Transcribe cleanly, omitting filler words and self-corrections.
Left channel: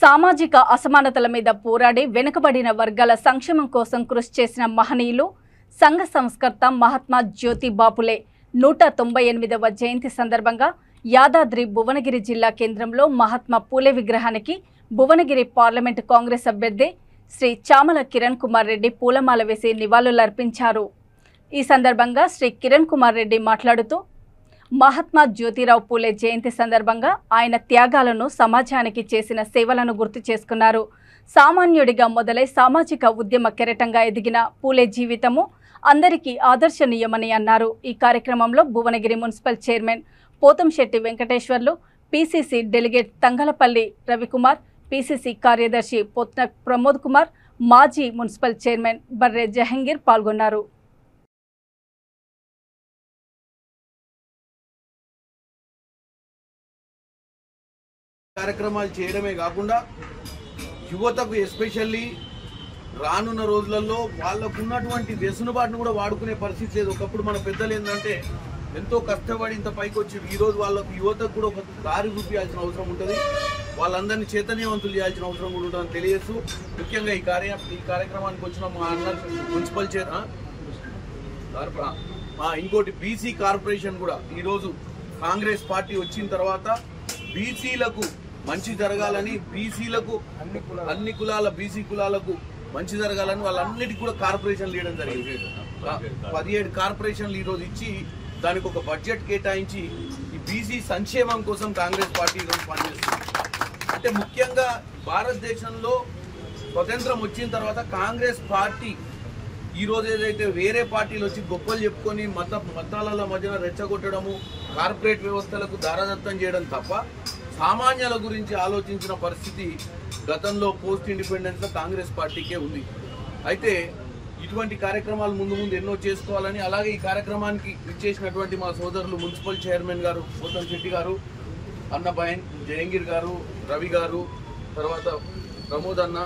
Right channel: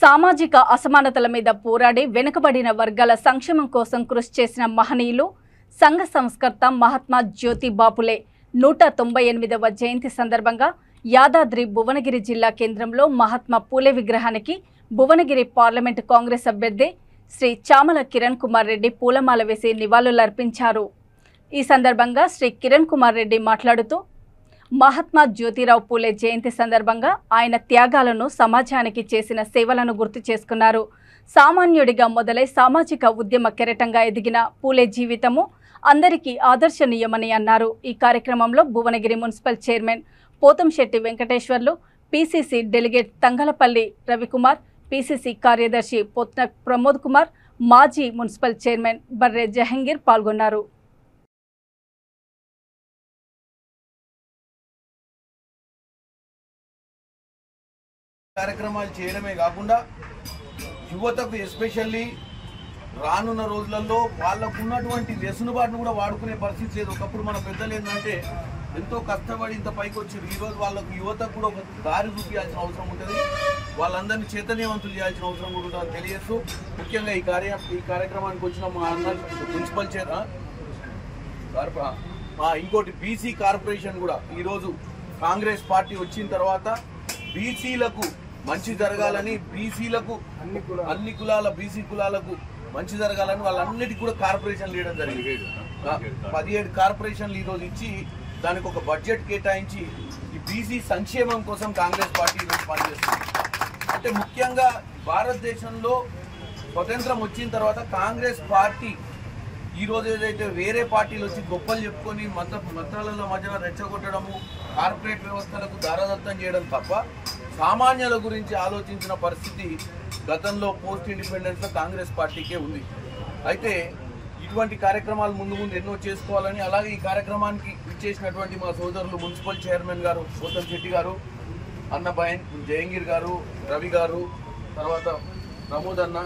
సామాజిక అసమానతల మీద పోరాడి వెనుకబడిన వర్గాల సంక్షేమం కోసం కృషి చేసిన మహనీయులు సంఘ సంస్కర్త మహాత్మా జ్యోతి బాపులే 198వ జయంతి సందర్భంగా యాదాద్రి భువనగిరి జిల్లా కేంద్రంలో మహాత్మా పూలే విగ్రహానికి భువనగిరి పార్లమెంటు కాంగ్రెస్ అభ్యర్థి శ్రీ చామల కిరణ్ కుమార్ రెడ్డి పూలమాల వేసి నివాళులర్పించారు। ఈ సందర్భంగా శ్రీ కిరణ్ కుమార్ రెడ్డి మాట్లాడుతూ మహాత్మా జ్యోతిరావు పూలే జయంతి సందర్భంగా ఆయన త్యాగాలను సమాజానికి చేసిన సేవలను గుర్తు చేసుకున్నారు। సామాన్యుడిగా మొదలై సామాజిక ఉద్యమ కెరటంగా ఎదిగిన పూలే జీవితము అందరికీ ఆదర్శనీయమని అన్నారు। ఈ కార్యక్రమంలో Bhuvanagiri municipal chairman Pothamsetti Venkateswarlu, PCC delegate Thangallapalli Ravikumar, PCC కార్యదర్శి పొత్న ప్రమోద్ కుమార్, మాజీ మున్సిపల్ చైర్మన్ బర్రె జహంగీర్ పాల్గొన్నారు। కార్యక్రమాలు చేయడమే కాకుండా యువతకు ఎస్పెషల్లీ రానున్న రోజులలో వాళ్ళకు ఉన్నటువంటి వ్యసనబాటును కూడా వాడుకునే పరిస్థితి లేదు। ఒకప్పుడు మన పెద్దలు ఏంటంటే ఎంతో కష్టపడి ఇంత పైకి వచ్చి ఈరోజు వాళ్ళకు యువతకు కూడా ఒక దారి చూపించాల్సిన అవసరం ఉంటుంది, వాళ్ళందరినీ చైతన్యవంతులు చేయాల్సిన అవసరం ఉంటుందని తెలియచ్చు। ముఖ్యంగా ఈ కార్యక్రమానికి వచ్చిన మా మున్సిపల్ ఇంకోటి బీసీ కార్పొరేషన్ కూడా ఈరోజు కాంగ్రెస్ పార్టీ వచ్చిన తర్వాత బీసీలకు మంచి జరగాలని, బీసీలకు అన్ని కులాల బీసీ కులాలకు మంచి జరగాలని వాళ్ళన్నిటికీ కూడా కార్పొరేషన్లు ఇవ్వడం జరిగింది। 17 కార్పొరేషన్లు ఈరోజు ఇచ్చి దానికి ఒక బడ్జెట్ కేటాయించి ఈ బీసీ సంక్షేమం కోసం కాంగ్రెస్ పార్టీ ఈరోజు పనిచేస్తుంది। అంటే ముఖ్యంగా భారతదేశంలో స్వతంత్రం వచ్చిన తర్వాత కాంగ్రెస్ పార్టీ ఈరోజు ఏదైతే వేరే పార్టీలు వచ్చి గొప్పలు చెప్పుకొని మతాల మధ్యన రెచ్చగొట్టడము, కార్పొరేట్ వ్యవస్థలకు దారదత్తం చేయడం తప్ప సామాన్యుల గురించి ఆలోచించిన పరిస్థితి గతంలో పోస్ట్ ఇండిపెండెన్స్లో కాంగ్రెస్ పార్టీకే ఉంది। అయితే ఇటువంటి కార్యక్రమాలు ముందు ఎన్నో చేసుకోవాలని, అలాగే ఈ కార్యక్రమానికి ఇచ్చేసినటువంటి మా సోదరులు మున్సిపల్ చైర్మన్ గారు పోతంశెట్టి గారు, అన్న జహంగీర్ గారు, రవి గారు, తర్వాత ప్రమోద్ అన్న,